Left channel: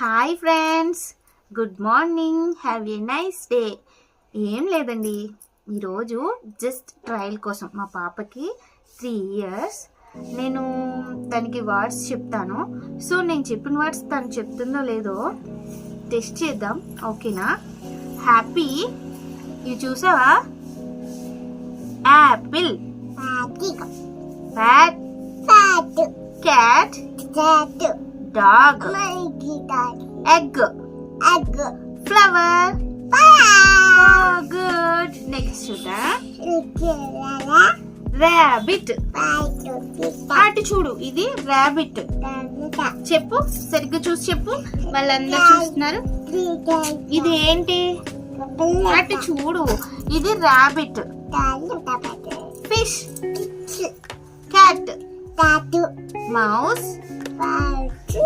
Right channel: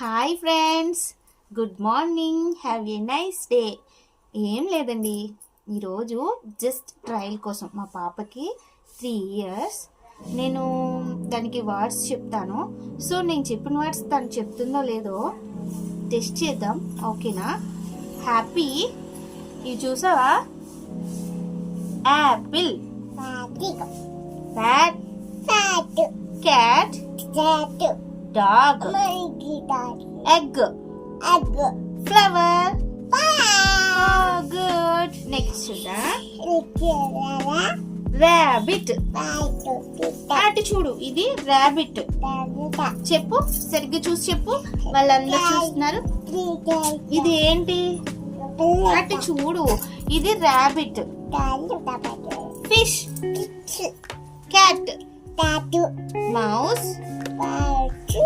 Hi friends good morning have a nice day. ఏం లేదండి ఈరోజు జస్ట్ ట్రయల్ కోసం మా పాపకి త్రీ ఇయర్స్. నేను దానికి వర్డ్స్ చెప్తాను. సో నేను చెప్పిన వర్డ్స్ తను చెప్తుందో లేదో టెస్ట్ చేద్దాం ఓకేనా? హ్యాపీ ఇవి చూసావా? Apple. Pato. Cat dog Manguita. Egg Egg. Flower Pie. Good next చూద్దాం Nicolala. Rabbit Pato. Pita. అటు చూడు ఇది Davida. చెప్పు సరిగ్గా చూసి చెప్పు వాళ్ళందరూ చూస్తున్నారు. ఇది ఏంటి అటు చూడు ఇది rabbit fish cat. Mouse.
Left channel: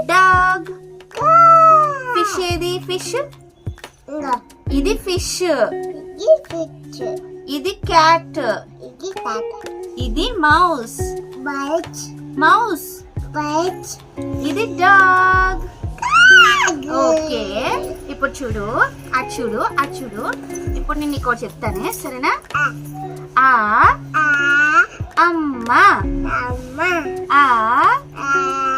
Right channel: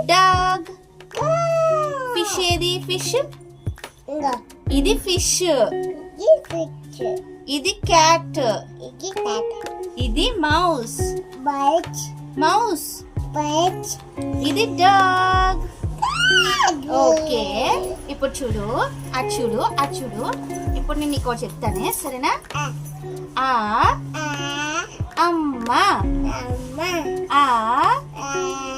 Dog fish ఏది? ఫిష్. ఇది ఫిష్. ఇది క్యాట్. ఇది మౌస్. మౌస్. ఇది డాగ్ ఓకే ఇప్పుడు చూడు. అటు చూడు. అటు చూడు. ఇప్పుడు నేను నీకు చెప్తానే. సరేనా. ఆ. అమ్మ. Mama. ఆ.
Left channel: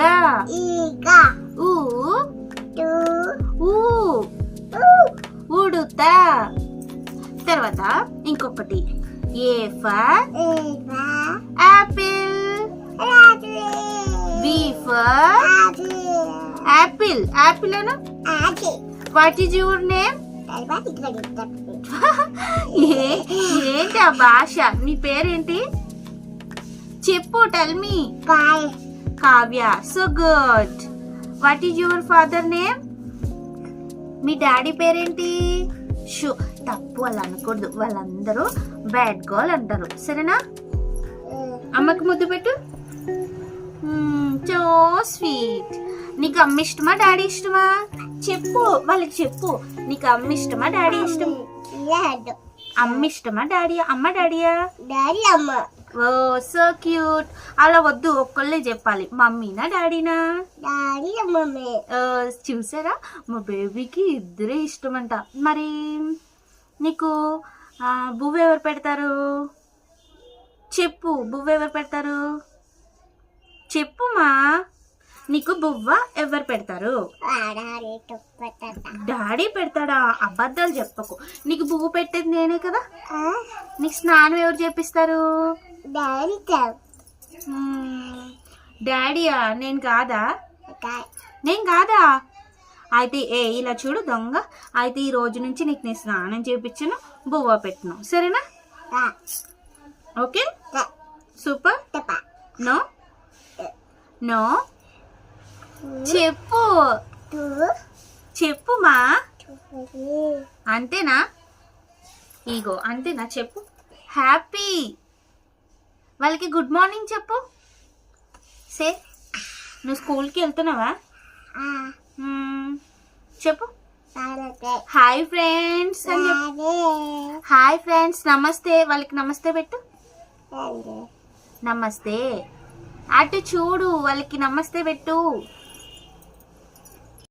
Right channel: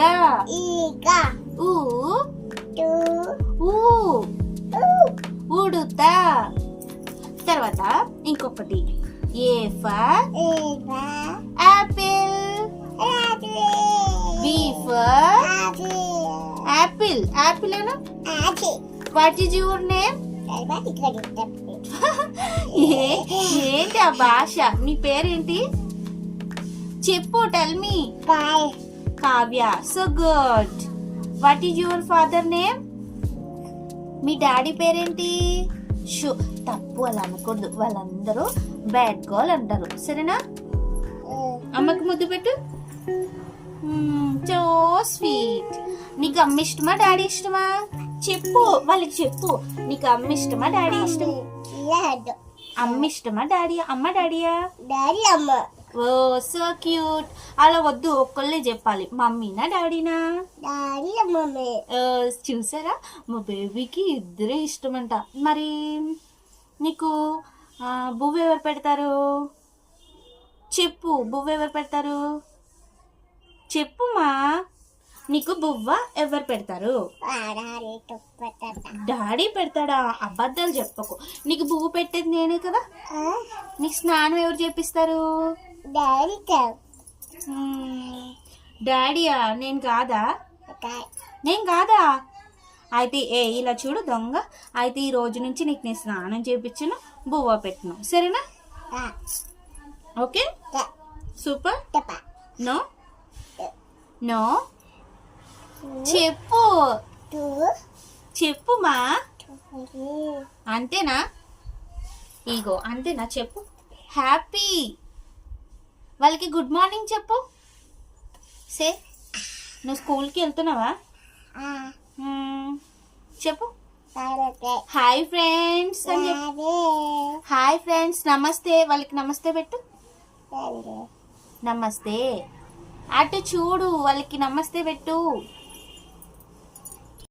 ఈగ Iga. ఊ Tu. ఊ U. ఉడుత తర్వాత ఇంకొకటి A for. Apple. B for. Apple apple Anu. What is your name ఏంటి ఆ భాష నీ పేరేంటి చెప్పు tell me Bye. Kavya so good what is your father name me daddy పేరేంటి? షూ తప్పు అలా అనకూడదు. వాళ్ళందరూ బ్యాడ్ గర్ల్ అంటారు. సరేనా. అమ్మకి ముద్దు పెట్టు. సో స్వీట్ నీకు అమ్మ ఇష్టమా డాడీ ఇష్టమా? చెప్పు వాళ్ళకి చెప్పు. నీకు అమ్మ ఇష్టమా డాడీ ఇష్టం. అమ్మ ఇష్టమా డాడీ అమ్మ డాడీయా? Dari ama. Oh so cute అలా వద్దు ఒక్కళ్ళే చెప్పాలి. మమ్మీనా డాడీనా? mama. ఆ, చూసారా? మా బేబీకి ఇద్దరే ఇష్టమంట. మరి నీకు బువ్వ ఎవరు పెడతారు? చెప్పు బువ్వ ఎవరు పెడతారు? చెప్పుమా నీకు బువ్వ ఎవరు పెడతారు. డాడీ పెడతాడా? అబద్ధాలు చెప్పకు. నీకు బువ్వ పెట్టేది నేనే కదా. నీకు స్నానం ఎవరు చేపిస్తారు? మ్మ్. డాడీయా నేను కాదా. నేను కాదా? అయితే ఏ ఇలా చూడు దొంగ. అయితే ఈ రోజు నుంచి నీకు నేను స్నానం చేపించను బువ్వ పెట్టను. సరేనా. ఓకే. సూపర్. నో? నో? చెప్పు. Tu. చెప్పుమా Tu. అంతేనా? ఈగో అంతేనా? చెప్పు. హ్యాపీ వాళ్ళకి గుడ్ మార్నింగ్ చెప్పు. సే నువ్వు స్కూల్కి వెళ్తున్నావా. చెప్పు. Hi friends. హాయ్ ఫ్రెండ్స్ నమస్తే. వాళ్ళకి నమస్తే పెట్టు. నమస్తే. అటు చూడు వాళ్ళకి నమస్తే పెట్టు.